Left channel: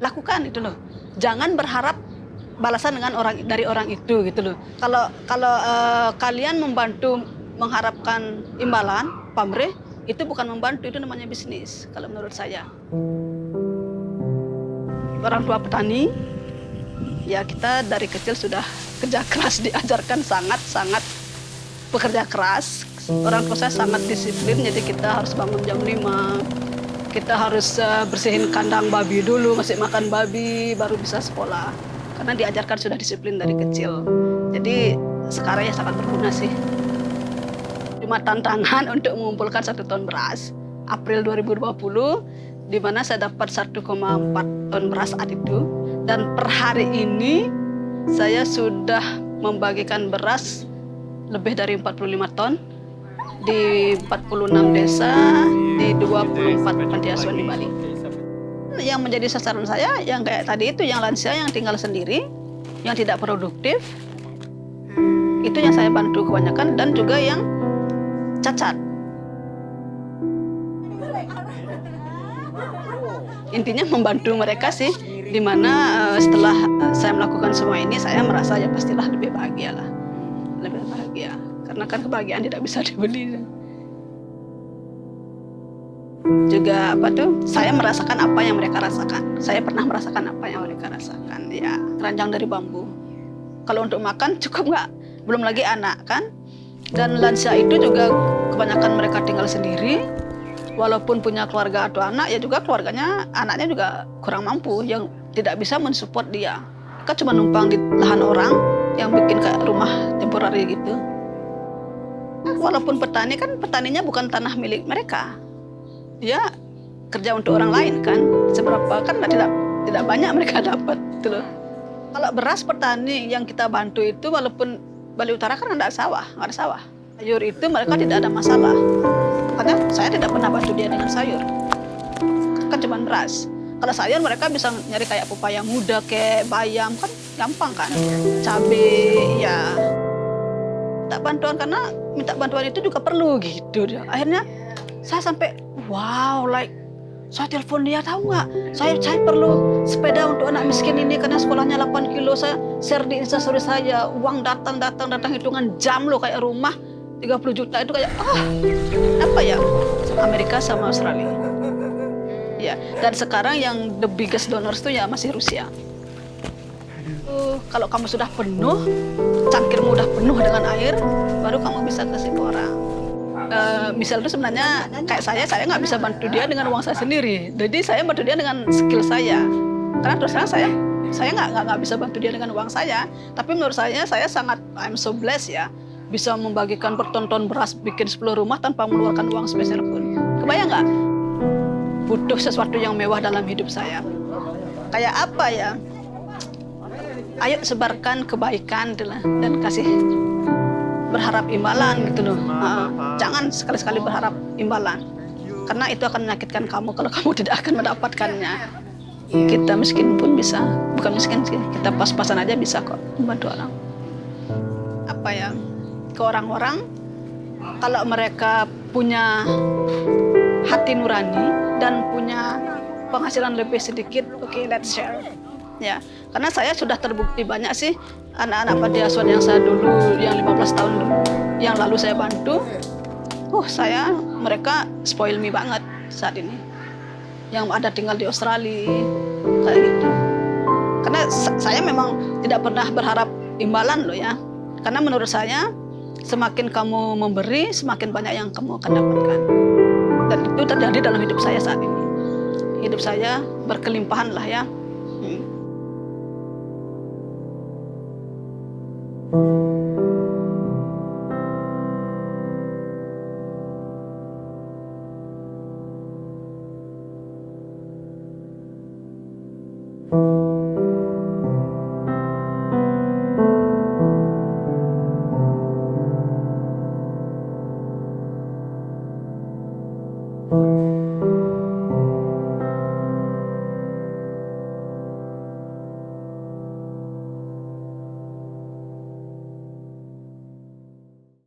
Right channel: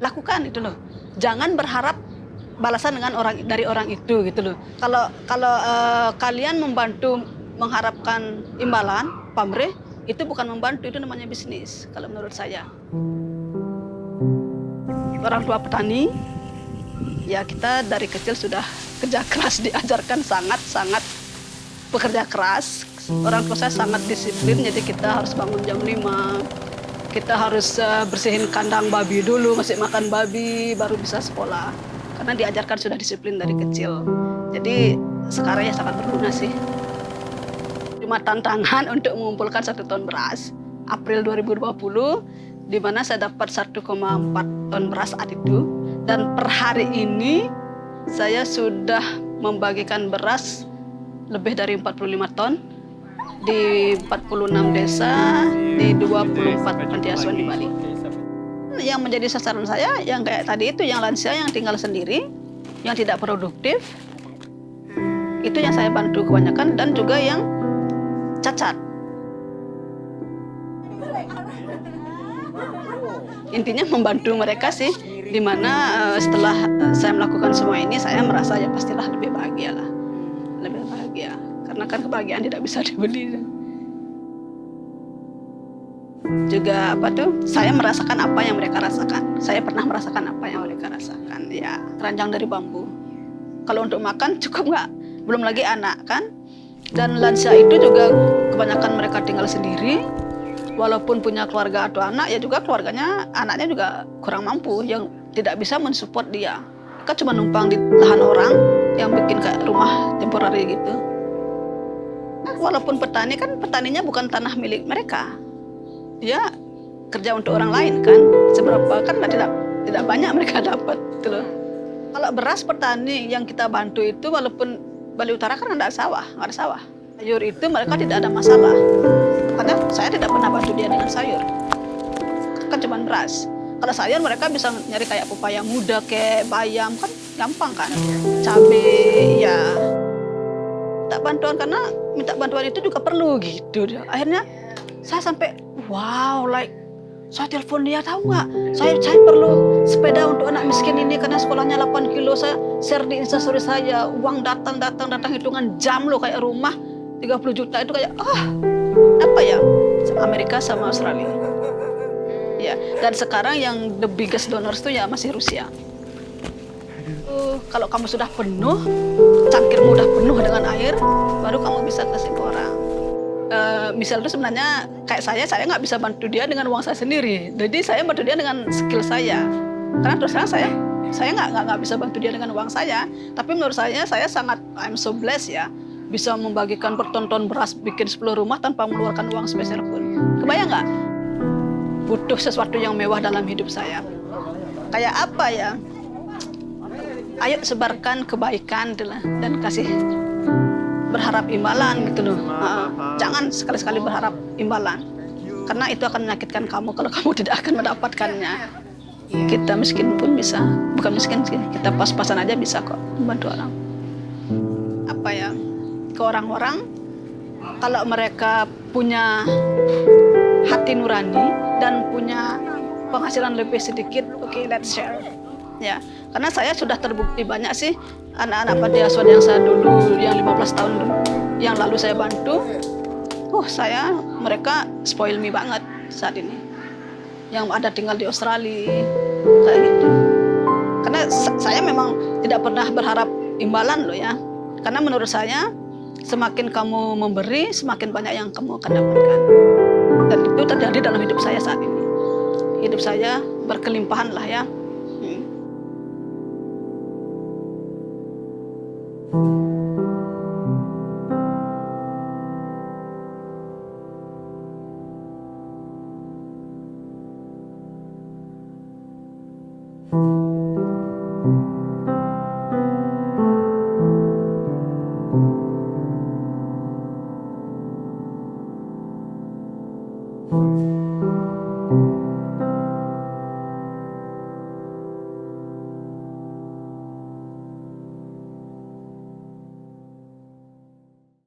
lakukan itu loh. Jangan berharap balasan dari orang itu gitu loh. Kalau kalian membantu mengharapkan imbalan, pamrih, itu bukan membantu, itu namanya bisnis kalau menurut saya. Orang tua petani, ya kita dari kecil sudah kerja keras, diajarkan sangat bekerja keras. Orang tua saya sangat disiplin, jadi kita harus bangun jam 5. Kita harus bersihin kandang babi dulu, masih makan babi, baru bisa sekolah. Karena diajarkan sudah disiplin dari kecil. Jadi sekarang ya sangat berguna sih. Cuma tantangan untuk mengumpulkan 1 ton beras. April 2020, di mana saya dapat 1,4 ton beras saat itu. Dan per hari ini saya sudah membagikan beras lebih dari 45 ton di 46 desa, di 24 panti asuhan di Bali. Yang menjadi sasaran saya yang kayak tadi itu, yang lansia yang tinggal sendiri, yang tidak produktif, itu yang saya bantu kebanyakan, dan juga yang cacat. Intinya membantu mereka sih, dimana setelah saya melakukan semua ini, saya merasa ya pastilah lebih bahagia lah, lebih bahagia. Karena kan kebahagiaan tidak bisa dibeli. Juga saya merasakan apa yang mereka rasakan. Saya pernah merasakan apa yang mereka rasakan. Ya, keranjang dari bambu. Kalau untuk makan cukup nggak? Belum lagi anak kan. Dan lansia itu juga kebanyakan mereka tinggal sendiri. Walaupun punya keluarga atau anak, ya juga keluarganya, anaknya juga kurang mampu, yang tidak bisa mensupport dia. Mereka cuma numpang di lahan orang yang bikin kayak rumah temporary gitu. Walaupun petani kan, petaninya bukan tanah milik mereka. Dia kerja untuk orang lain kan. Seberapa kan tidak banyak mereka dapat gitu loh. Kalau beras petani yang kita bantu itu, walaupun Bali Utara kan nggak ada sawah. Sayur itu mereka tidak ada masalah. Makanya saya tidak pernah bantu dia dengan sayur. Kan cuma beras. Kalau sayur mereka bisa nyari kayak pepaya muda, kayak bayam, kan gampang kan. Cabai, ya. Tak bantuan karena minta bantuan itu juga perlu gitu. Akhirnya saya sampai wow, saya telepon dia, tahu nggak? Saya perlu sepeda untuk anak miskin ini karena sekolahnya 8 kilo. Saya share di Instastory saya, uang datang hitungan jam loh, kayak rumah 30 juta itu kayak apa ya? Amerika sama Australia. Ya, dan sekarang yang the biggest donors tuh ya masih Rusia. Kalau kamu sudah penuh, cangkirmu udah penuh dengan air, baru kamu bisa kasih ke orang. Misal itu sebenarnya kayak saya nggak bisa bantu dia dengan uang saya sendiri. Jadi saya bantu dia dengan skill saya. Karena terus terang saya nggak bisa bantu dia dengan uang saya. Tapi menurut saya sangat, I'm so blessed ya, bisa membagikan berton-ton beras, bikin 10 rumah tanpa mengeluarkan uang sepeser pun. Kebayang nggak? Butuh sesuatu yang mewah dalam hidup saya. Kayak apa ya? Ayo sebarkan kebaikan dan kasih, berharap imbalan gitu loh. Jangan sekali-sekali berharap imbalan, karena itu akan menyakitkan kamu kalau kamu tidak akan mendapatkannya. Kita miskin pun bisa, bukan miskin sih, kita pas-pasan aja bisa kok membantu orang. Apa ya, ke orang-orang, kalau mereka punya hati nurani dan punya penghasilan lebih sedikit, oke, let's share. Ya, karena saya sudah terbukti banyak sih anak-anak panti asuhan yang saya dulu, yang 15 tahun yang lalu saya bantu, mereka spoil me banget saat ini. Yang ada tinggal di Australia, kayak gitu. Karena saya memang tidak pernah berharap imbalan loh ya. Karena menurut saya, semakin kamu memberi, semakin banyak yang kamu akan dapatkan. Dan itu terjadi dalam hidup saya saat ini. Hidup saya berkelimpahan lah ya.